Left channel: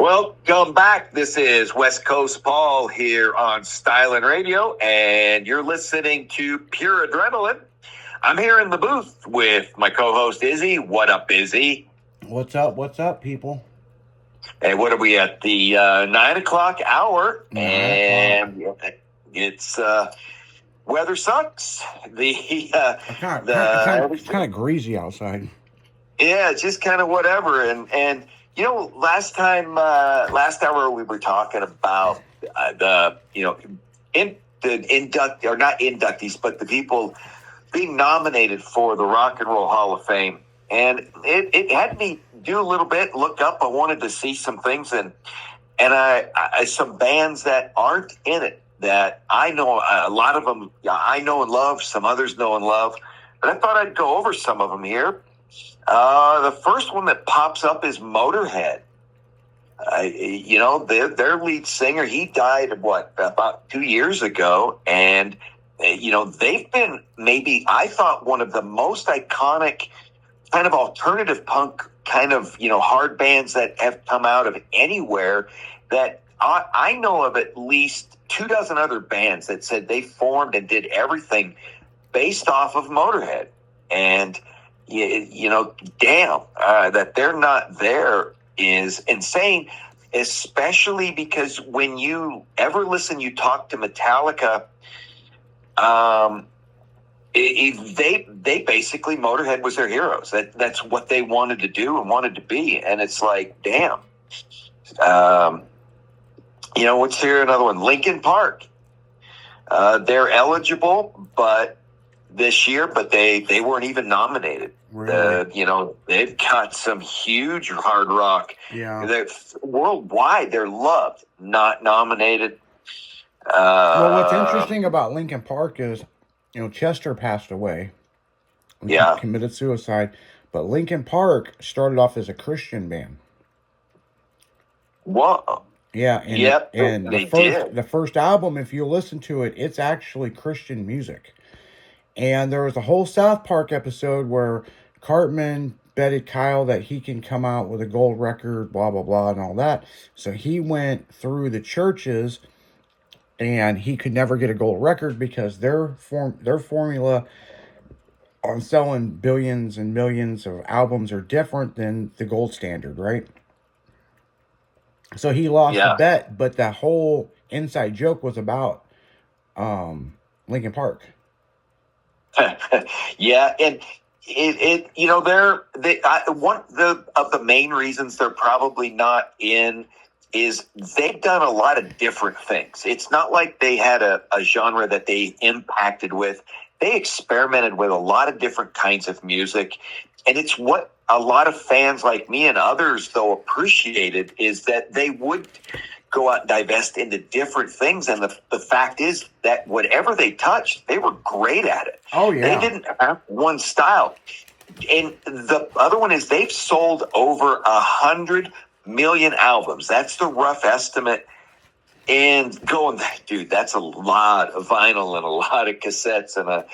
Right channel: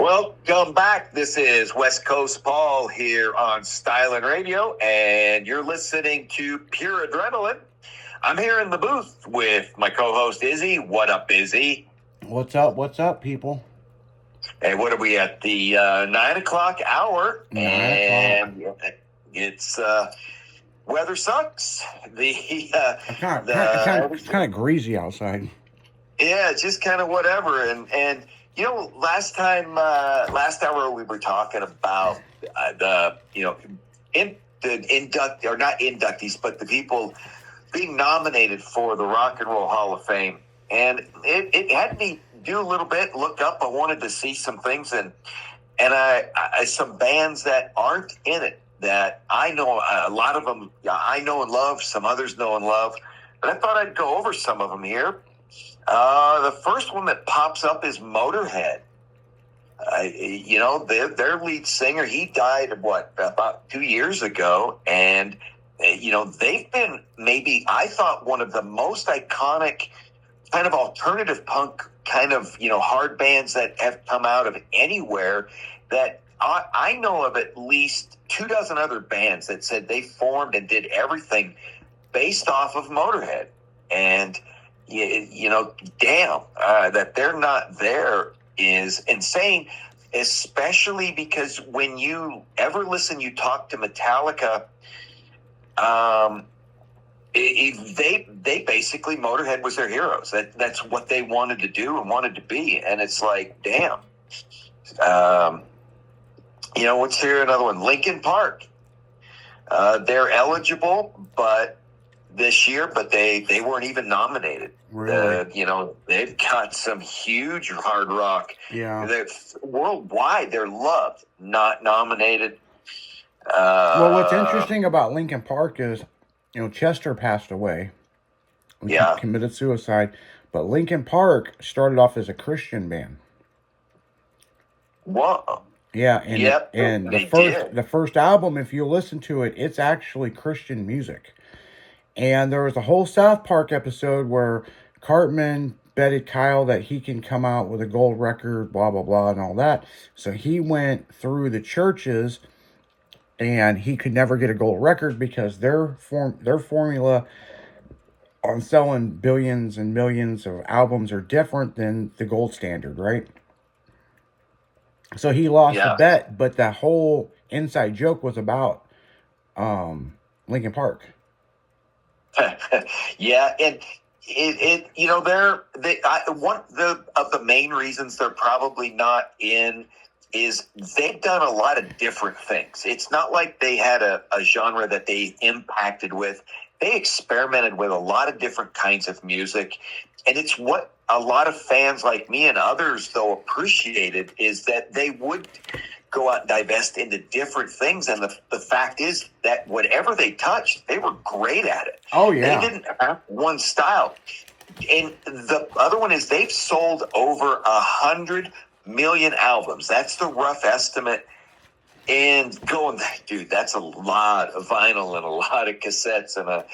Welcome back. This is West Coast Paul here on Stylin' Radio, and you're listening to Pure Adrenaline. I'm here in the booth with my co-host Izzy. What up, Izzy? What's up? What's up, people? Hey, what are we at? The 9 o'clock hour. 9 o'clock. It's weather sucks. It's kind of greasy outside. Yeah, it's just kind of whatever. And you know, last hour we were talking about not inductees, but the people being nominated for the Rock and Roll Hall of Fame. And it had me do a little bit, look up. I wanted to see some things and I some bands that aren't in it that I know, a lot of them I know and love, some others know and love. But I thought I'd go over some of them here. The first one that pops up is Motorhead. Their lead singer, he died about 2 years ago, and they've been maybe, I thought, one of the most iconic kind of alternative punk kind of hard bands that have come out of anywhere. That I know of at least 24 other bands that said they formed and did everything based off of Motorhead, and that they're not there is insane, especially because when you talk to Metallica, they basically, Motorhead was their heroes. That's what they wanted to do and wanted to be. And it's like, damn. What's here? Another one, Linkin Park. They're eligible, this year, but they weren't even nominated. Really? They've got some huge hard rock. Yeah. Worldwide, they're loved, not nominated. Well, what's interesting about Linkin Park is, Chester passed away. Yeah. Committed suicide. But Linkin Park started off as a Christian band. Whoa. Yeah, and did. the first album, if you listen to it, it's actually Christian music. And there was a whole South Park episode where Cartman betted Kyle that he can come out with a gold record, blah, blah, blah, and all that. So he went through the churches, and he could never get a gold record because their formula on selling billions and millions of albums are different than the gold standard, right? So he lost the bet, but the whole inside joke was about Linkin Park. Yeah, and one of the main reasons they're probably not in is they've done a lot of different things. It's not like they had a genre that they impacted with. They experimented with a lot of different kinds of music, and it's what a lot of fans like me and others, though, appreciated, is that they would go out and divest into different things. And the fact is that whatever they touched, they were great at it. Oh, yeah. They didn't have one style. And the other one is they've sold over 100 million albums. That's the rough estimate. And dude, that's a lot of vinyl and a lot of cassettes and a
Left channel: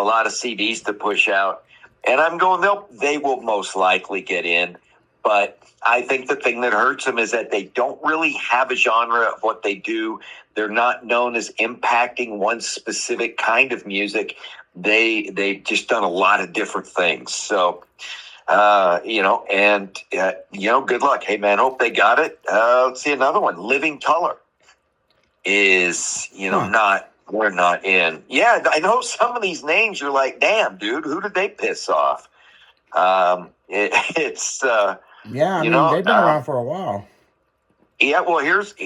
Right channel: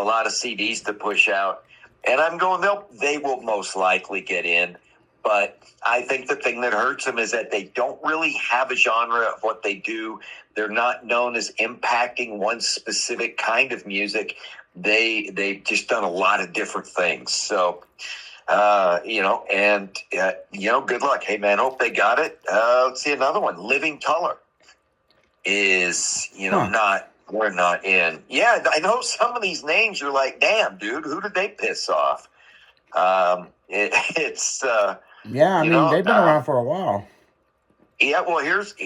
lot of CDs to push out. And I'm going, they will most likely get in. But I think the thing that hurts them is that they don't really have a genre of what they do. They're not known as impacting one specific kind of music. They've just done a lot of different things. So, good luck. Hey, man, hope they got it. Let's see another one. Living Colour is, we're not in. Yeah, I know some of these names you're like, damn, dude, who did they piss off? They've been around for a while. Yeah, well, here's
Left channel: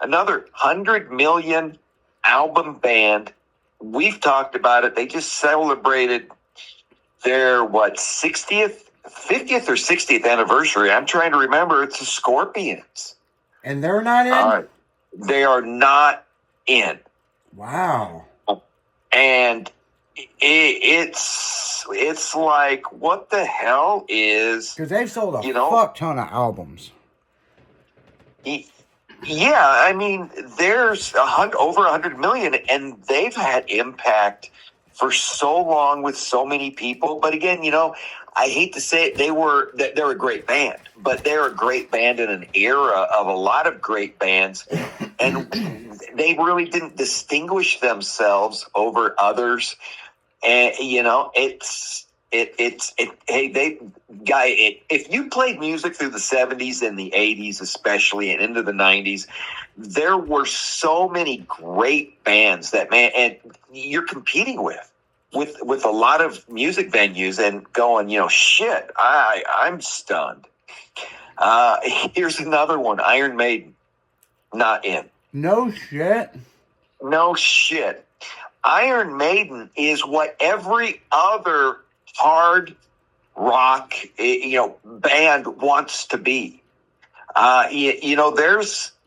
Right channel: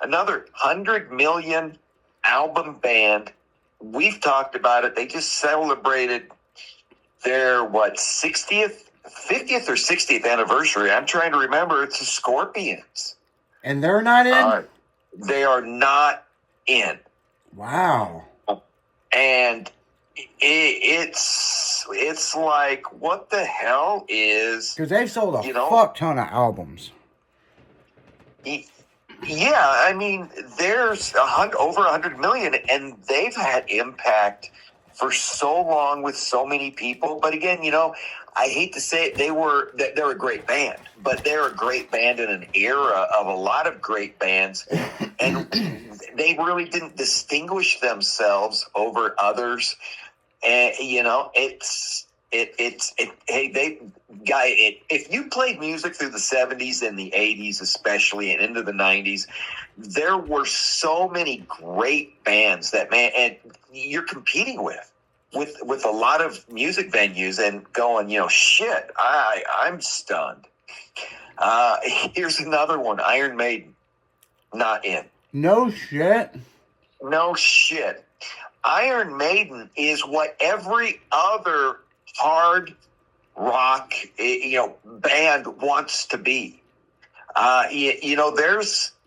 another 100 million album band. We've talked about it. They just celebrated their 50th or 60th anniversary. I'm trying to remember. It's the Scorpions, and they're not in. They are not in. Wow. And it's like, what the hell is... Because they've sold a fuck ton of albums. Yeah, I mean, there's over 100 million, and they've had impact for so long with so many people. But again, I hate to say it, they're a great band, but they're a great band in an era of a lot of great bands, and they really didn't distinguish themselves over others. And if you played music through the 70s and the 80s especially and into the 90s, there were so many great bands that, man, and you're competing with a lot of music venues and going, shit, I'm stunned. Here's another one, Iron Maiden, not in. No shit. No shit. Iron Maiden is what every other hard rock, band wants to be.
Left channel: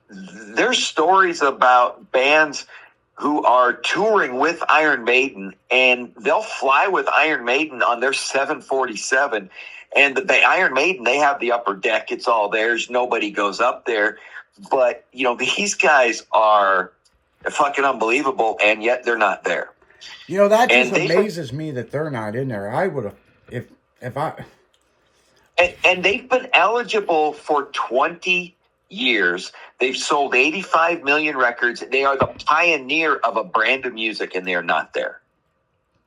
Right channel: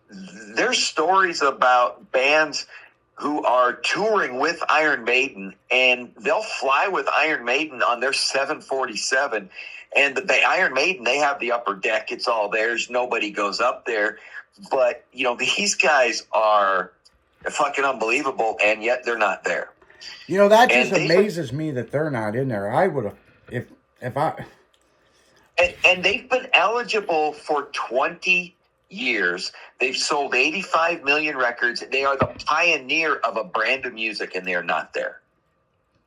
There's stories about bands who are touring with Iron Maiden, and they'll fly with Iron Maiden on their 747. And the Iron Maiden, they have the upper deck. It's all theirs. Nobody goes up there. But, these guys are fucking unbelievable, and yet they're not there. That just amazes me that they're not in there. I would have, if I... And they've been eligible for 20 years. They've sold 85 million records. They are the pioneer of a brand of music, and they're not there.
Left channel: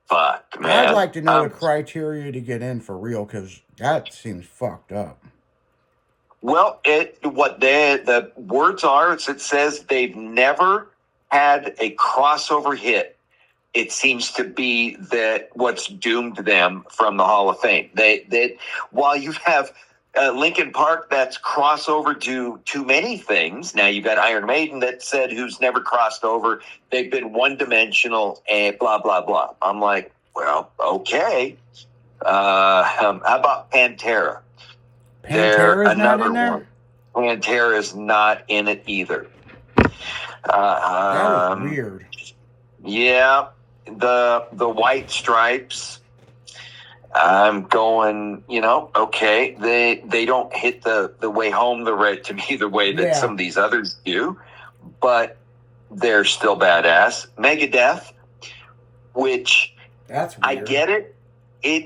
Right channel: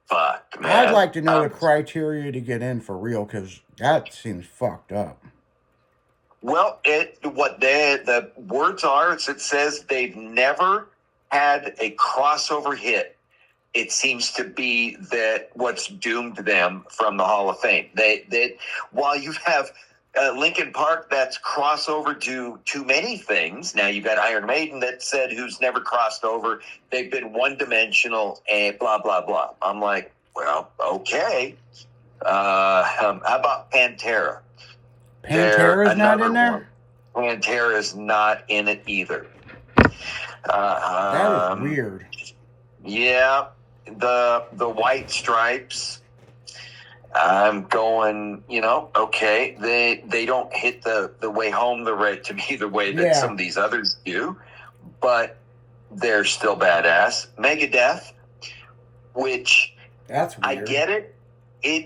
Fuck, man. I'd like to know the criteria to get in for real, because that seems fucked up. Well, what the words are is it says they've never had a crossover hit. It seems to be that what's doomed them from the Hall of Fame. They while you have Linkin Park that's crossover to too many things. Now you got Iron Maiden that said who's never crossed over. They've been one-dimensional and blah, blah, blah. I'm like, well, okay. How about Pantera? Pantera's not in there? Pantera's not in it either. That is weird. Yeah. The White Stripes. I'm going, okay. They don't hit the way home to me the way that some of these others do, but they're still badass. Megadeth, which that's weird. I get it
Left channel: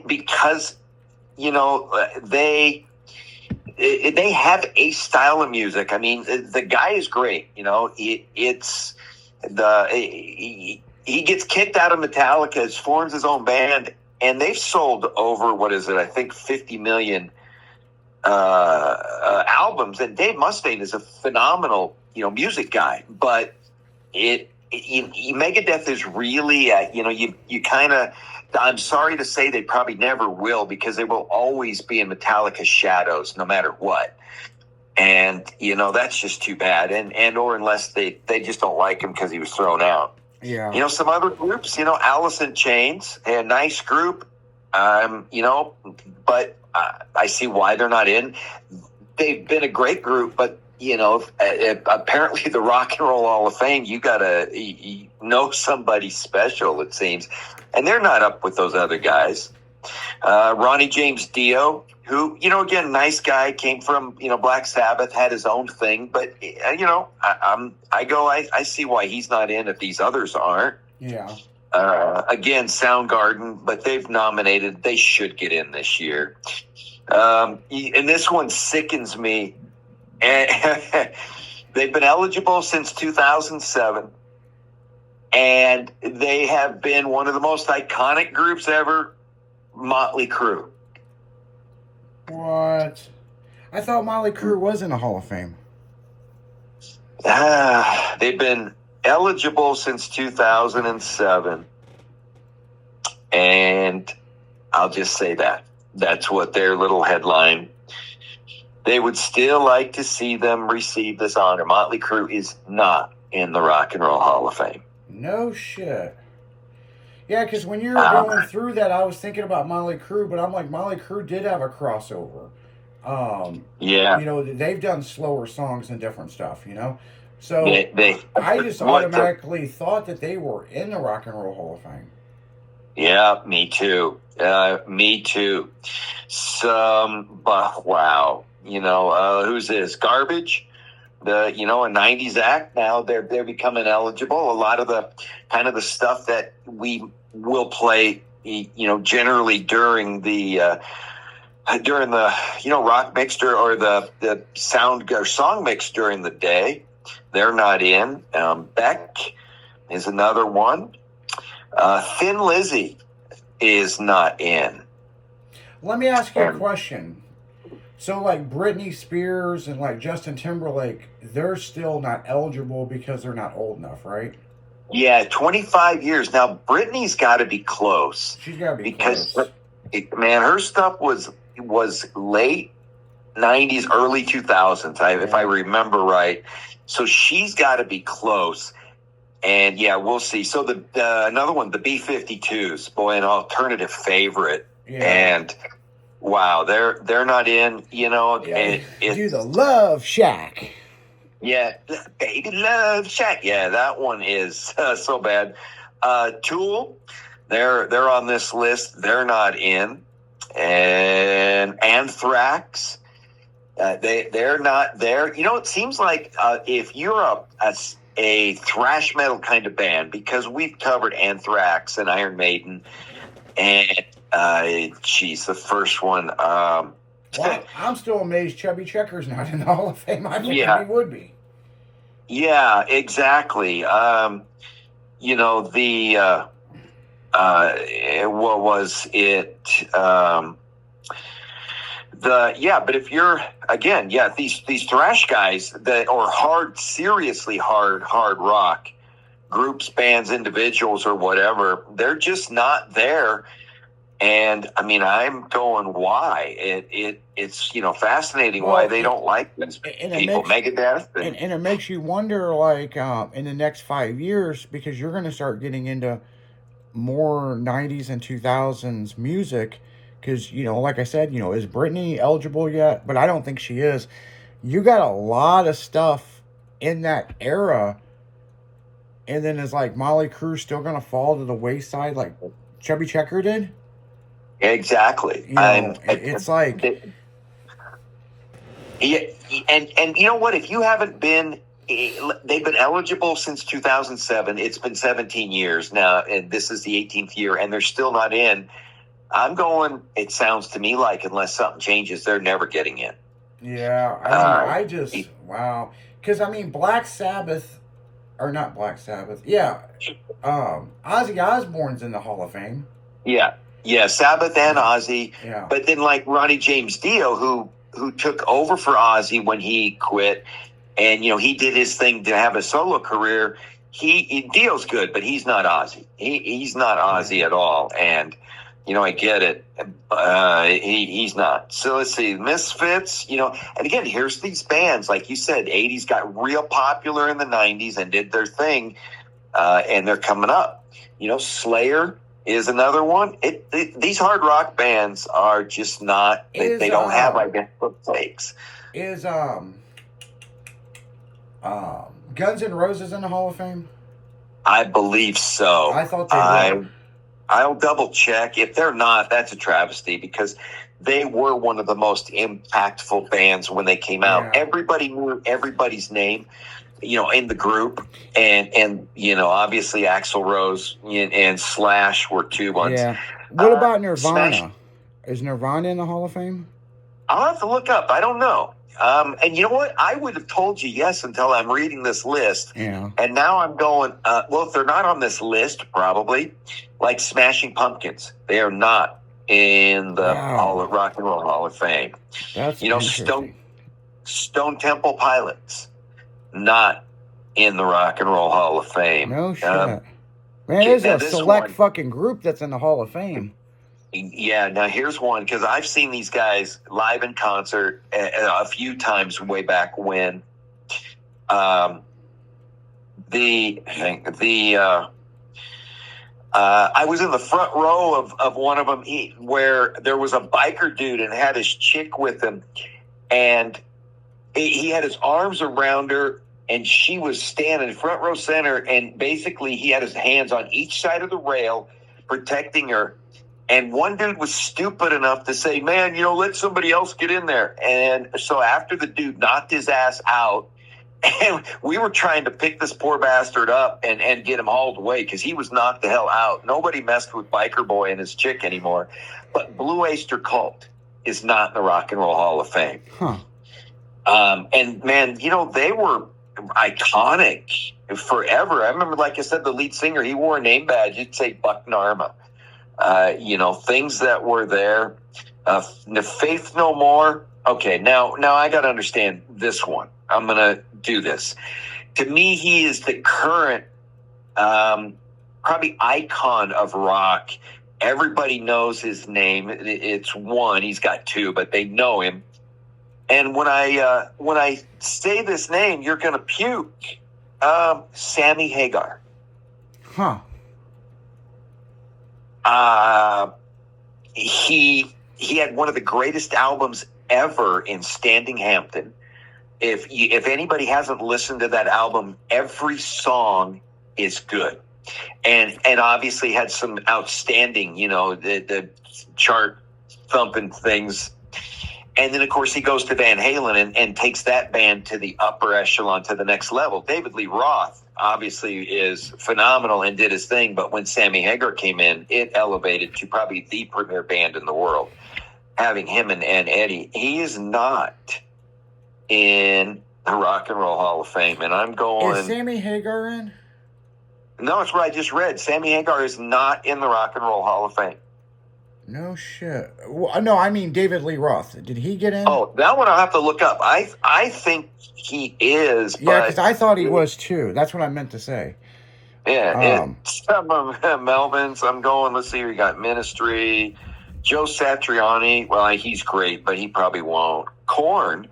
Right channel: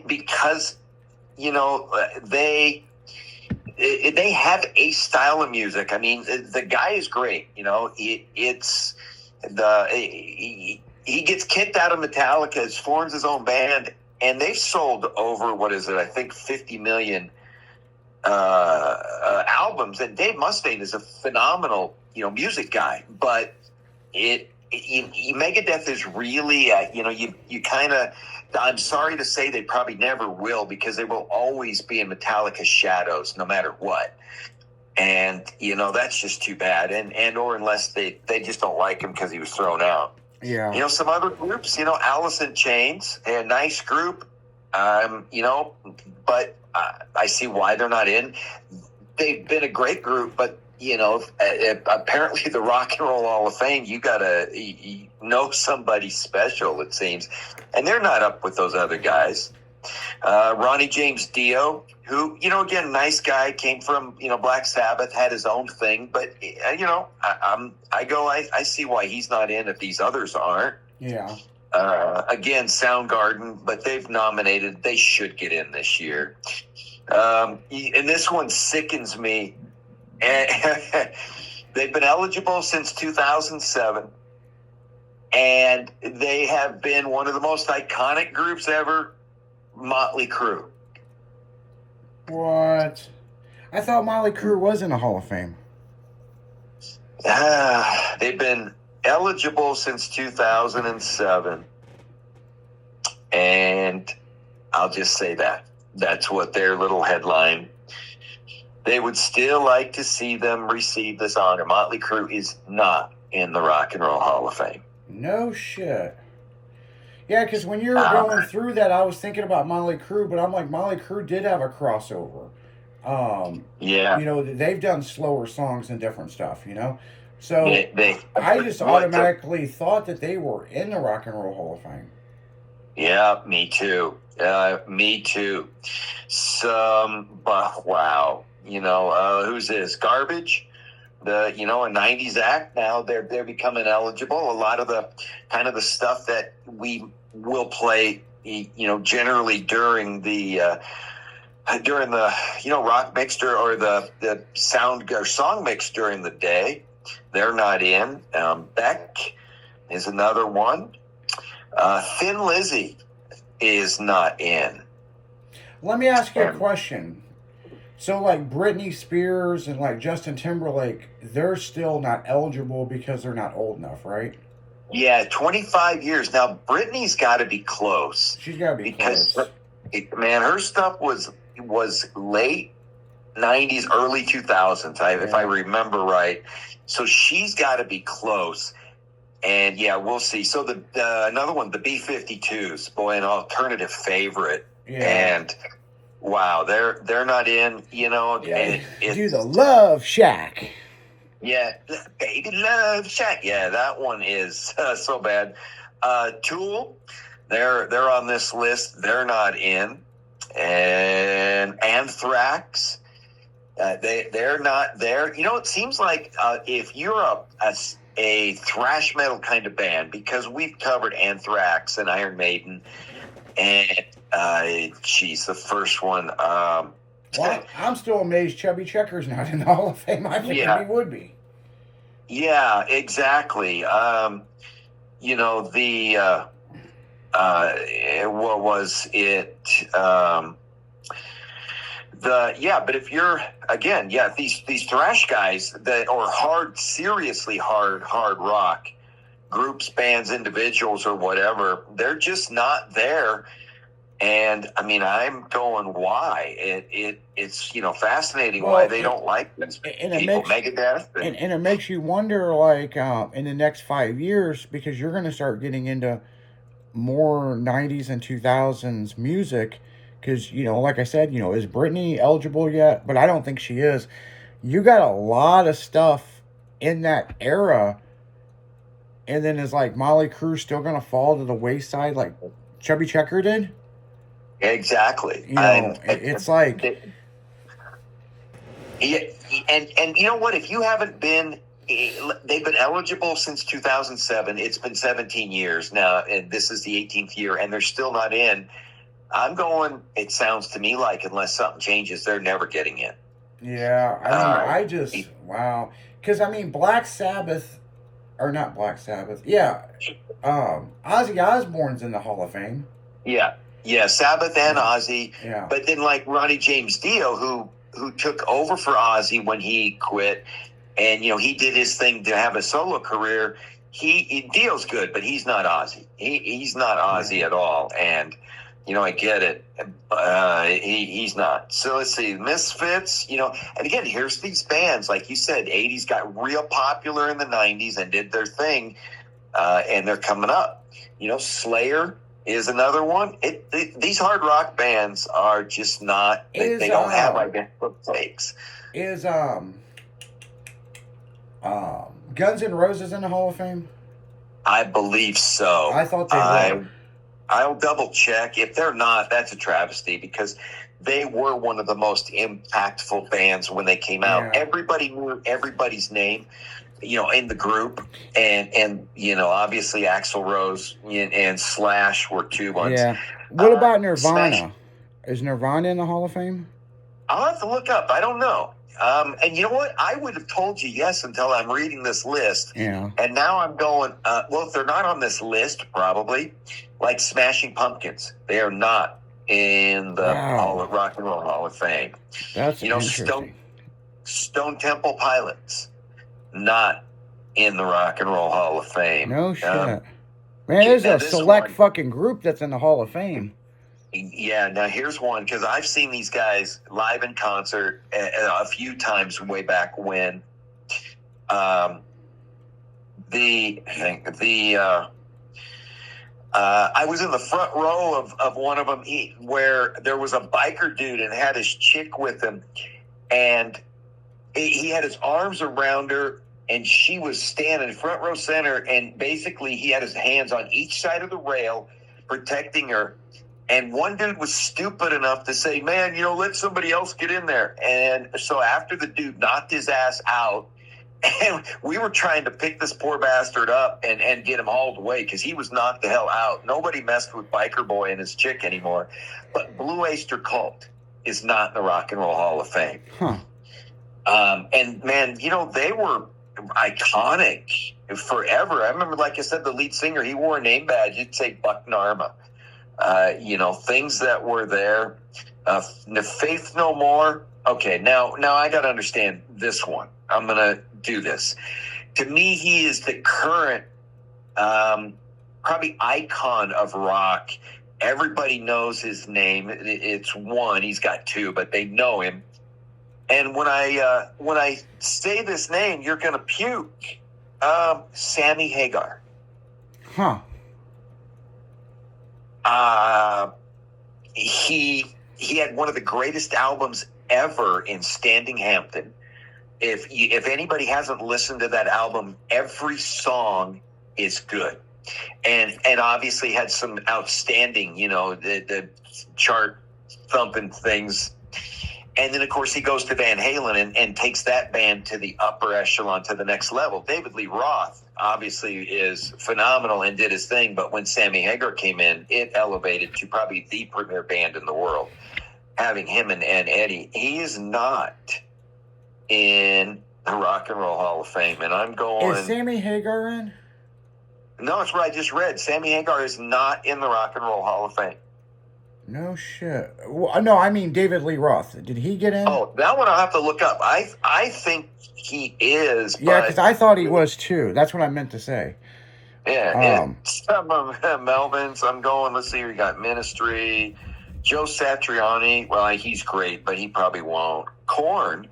because they have a style of music. I mean, the guy is great. He gets kicked out of Metallica, forms his own band, and they've sold over, what is it, I think 50 million albums. And Dave Mustaine is a phenomenal, music guy. But Megadeth is really, you kind of, I'm sorry to say they probably never will, because they will always be in Metallica's shadows no matter what. And, that's just too bad. And or unless they just don't like him because he was thrown out. Yeah. Some other groups, Alice in Chains, a nice group, but I see why they're not in. They've been a great group, but, apparently the Rock and Roll Hall of Fame, you got to know somebody special, it seems. And they're not up with those other guys. Ronnie James Dio, who, again, nice guy, came from, Black Sabbath, had his own thing. But, I see why he's not in if these others aren't. Yeah. Again, Soundgarden, but they've nominated. They should get in this year. And this one sickens me. They've been eligible since 2007. And they have been one of the most iconic groups ever, Motley Crue. What? I thought Motley Crue was in the Hall of Fame. They've been eligible since 2007. And I'll just say that. That's what their little headline. They would still like to see them receive this honor. Motley Crue is not in the Rock and Roll Hall of Fame. No shit. Yeah, because when you were going through that, I was thinking about Motley Crue, but I'm like, Motley Crue did have a crossover. Yeah. They've done slower songs and different stuff, So I just automatically thought that they were in the Rock and Roll Hall of Fame. Yeah, me too. Me too. Wow. Who's this? Garbage? A 90s act. Now they're becoming eligible. A lot of the kind of the stuff that we will play, generally during the during the rock mix or the sound or song mix during the day. They're not in. Beck is another one. Thin Lizzy is not in. Let me ask you a question. So, like Britney Spears and like Justin Timberlake, they're still not eligible because they're not old enough, right? Yeah, 25 years. Now, Britney's got to be close. She's got to be close. Man, her stuff was late 90s, early 2000s, if I remember right. So she's got to be close. And, yeah, we'll see. So another one, the B-52s, boy, an alternative favorite. Yeah. And, wow, they're not in, Yeah. Do the Love Shack. Yeah, Baby Love Shack. Yeah, that one is so bad. Tool, they're on this list. They're not in. And Anthrax, they're not there. It seems like if you're a thrash metal kind of band, because we've covered Anthrax and Iron Maiden, and the first one. Well, I'm still amazed Chubby Checker's not in the Hall of Fame. I think he would be. Yeah, exactly. What was it? But if you're these thrash guys that or seriously hard rock groups, bands, individuals, or whatever, they're just not there. And I mean, I'm going, why? It's fascinating why they don't like this people. Megadeth, and it makes you wonder, like in the next 5 years, because you're going to start getting into more 90s and 2000s music. Because like I said, is Britney eligible yet? But I don't think she is. You got a lot of stuff in that era, and then is like Molly Crew still going to fall to the wayside like Chubby Checker did? Exactly. It's like, and you know what? If you haven't been, they've been eligible since 2007. It's been 17 years now, and this is the 18th year, and they're still not in. I'm going. It sounds to me like unless something changes, they're never getting in. Yeah, I mean, wow. Because I mean, Black Sabbath, or not Black Sabbath. Yeah, Ozzy Osbourne's in the Hall of Fame. Yeah, Sabbath and Ozzy. Yeah. But then like Ronnie James Dio, who took over for Ozzy when he quit, and he did his thing to have a solo career. Dio's good, but he's not Ozzy. He's not Ozzy at all. And I get it. He's not. So let's see, Misfits. And again, here's these bands like you said, 80s got real popular in the 90s and did their thing, and they're coming up. Slayer is another one. These hard rock bands are just not. They don't have identical takes. Is Guns N' Roses in the Hall of Fame? I believe so. I thought they were. I'll double check. If they're not, that's a travesty because they were one of the most impactful bands when they came out. Yeah. Everybody knew everybody's name, in the group, and obviously Axl Rose and Slash were two ones. Yeah. What about Nirvana? Slash, is Nirvana in the Hall of Fame? I'll have to look up. I don't know. And you know what? I would have told you yes until I'm reading this list. Yeah. And now I'm going, if they're not on this list, probably, like Smashing Pumpkins. They are not in the Rock and Roll Hall of Fame. That's interesting. Stone Temple Pilots, not in the Rock and Roll Hall of Fame. No shit. Man, there's a select fucking group that's in the Hall of Fame. Yeah, now here's one, because I've seen these guys live in concert a few times way back when. I was in the front row of one of them where there was a biker dude and had his chick with him, and he had his arms around her, and she was standing front row center, and basically he had his hands on each side of the rail protecting her. And one dude was stupid enough to say, man, let somebody else get in there. And so after the dude knocked his ass out, and we were trying to pick this poor bastard up and get him hauled away because he was knocked the hell out. Nobody messed with Biker Boy and his chick anymore. But Blue Oyster Cult, is not in the Rock and Roll Hall of Fame. Huh. And man, they were iconic forever. I remember, like I said, the lead singer, he wore a name badge. It'd say Buck Narma. Things that were there. The Faith No More. Okay, now I got to understand this one. I'm going to do this. To me, he is the current probably icon of rock. Everybody knows his name. It's one. He's got two, but they know him. And when I say this name, you're going to puke. Sammy Hagar. Huh. He had one of the greatest albums ever in Standing Hampton. If anybody hasn't listened to that album, every song is good, and obviously had some outstanding, the chart thumping things. And then, of course, he goes to Van Halen and takes that band to the upper echelon, to the next level. David Lee Roth, obviously, is phenomenal and did his thing. But when Sammy Hagar came in, it elevated to probably the premier band in the world. Having him and Eddie, he is not in the Rock and Roll Hall of Fame. And I'm going... Is Sammy Hagar in? No, it's what I just read. Sammy Hagar is not in the Rock and Roll Hall of Fame. No shit. Well, no, I mean David Lee Roth. Did he get in? Oh, that one I'll have to look up. I think he is. Yeah, because I thought he was too. That's what I meant to say. Yeah. Some of Melvin's. I'm going. Let's see. We got Ministry. Joe Satriani. Well, he's great, but he probably won't. Korn.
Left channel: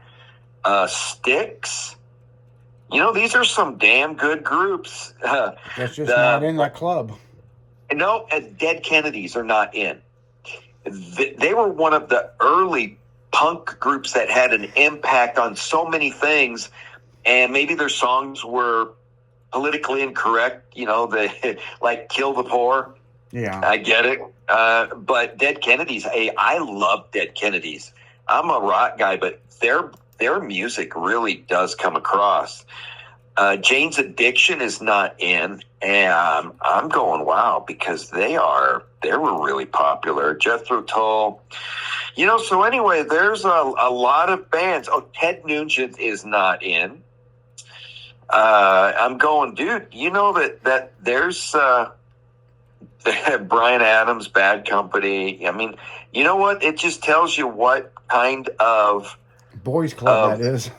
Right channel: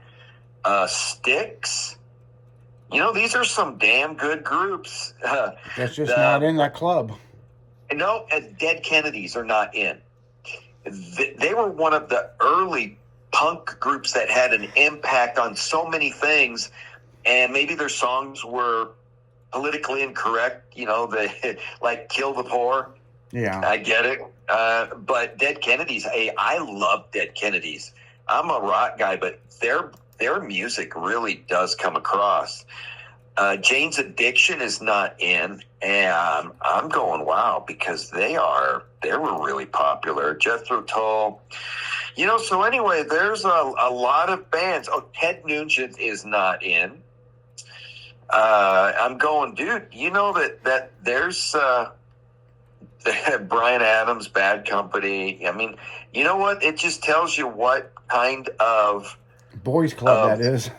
Styx. These are some damn good groups. That's just not in that club. No, Dead Kennedys are not in. They were one of the early punk groups that had an impact on so many things, and maybe their songs were politically incorrect, like Kill the Poor. Yeah. I get it. But Dead Kennedys, I love Dead Kennedys. I'm a rock guy, but their music really does come across. Jane's Addiction is not in, and I'm going, wow, because they were really popular. Jethro Tull, so anyway, there's a lot of bands. Oh, Ted Nugent is not in. I'm going, dude, that there's Bryan Adams, Bad Company. I mean, you know what? It just tells you what kind of boys club that is.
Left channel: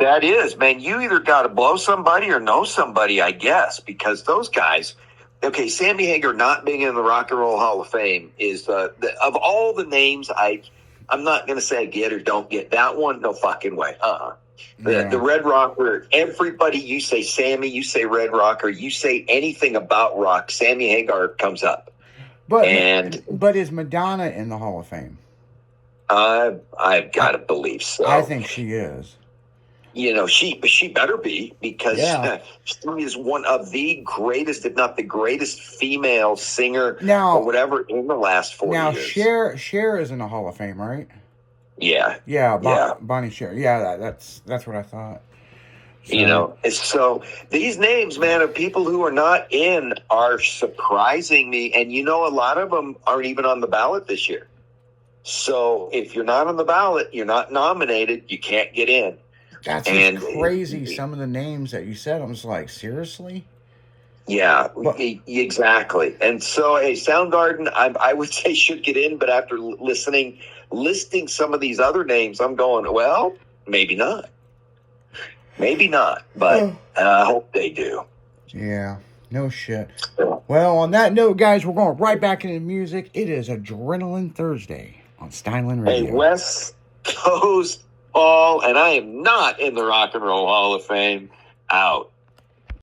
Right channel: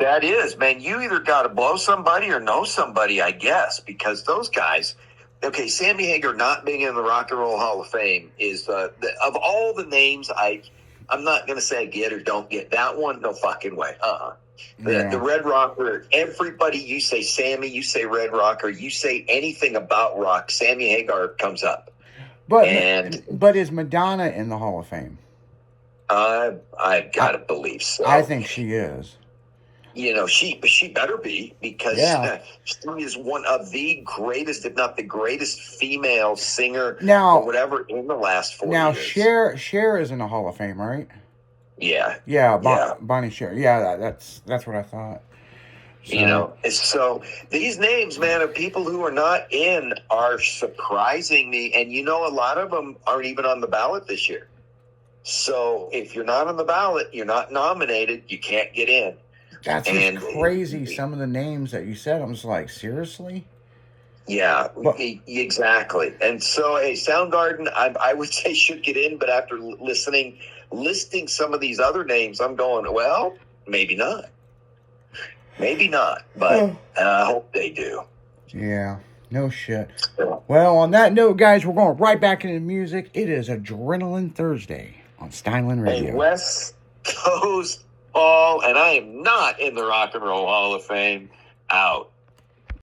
That is, man. You either got to blow somebody or know somebody, I guess, because those guys. Okay, Sammy Hagar not being in the Rock and Roll Hall of Fame is of all the names. I'm not going to say I get or don't get that one. No fucking way. The Red Rocker. Everybody, you say Sammy, you say Red Rocker, you say anything about rock, Sammy Hagar comes up. But is Madonna in the Hall of Fame? I've got to believe so. I think she is. She better be, because she is one of the greatest, if not the greatest, female singer or whatever in the last 40 years. Now, Cher is in the Hall of Fame, right? Yeah. Bonnie Cher. Yeah, that's what I thought. So these names, man, of people who are not in are surprising me. And a lot of them aren't even on the ballot this year. So if you're not on the ballot, you're not nominated, you can't get in. That's just crazy. Some of the names that you said, I was like, seriously? Yeah, exactly. And so, Soundgarden, I would say should get in, but after listing some of these other names, I'm going, well, maybe not. Maybe not, but I hope they do. Yeah, no shit. Well, on that note, guys, we're going right back into music. It is Adrenaline Thursday on Steinland Radio. Hey, West Coast Paul, and I am not in the Rock and Roll Hall of Fame. Out.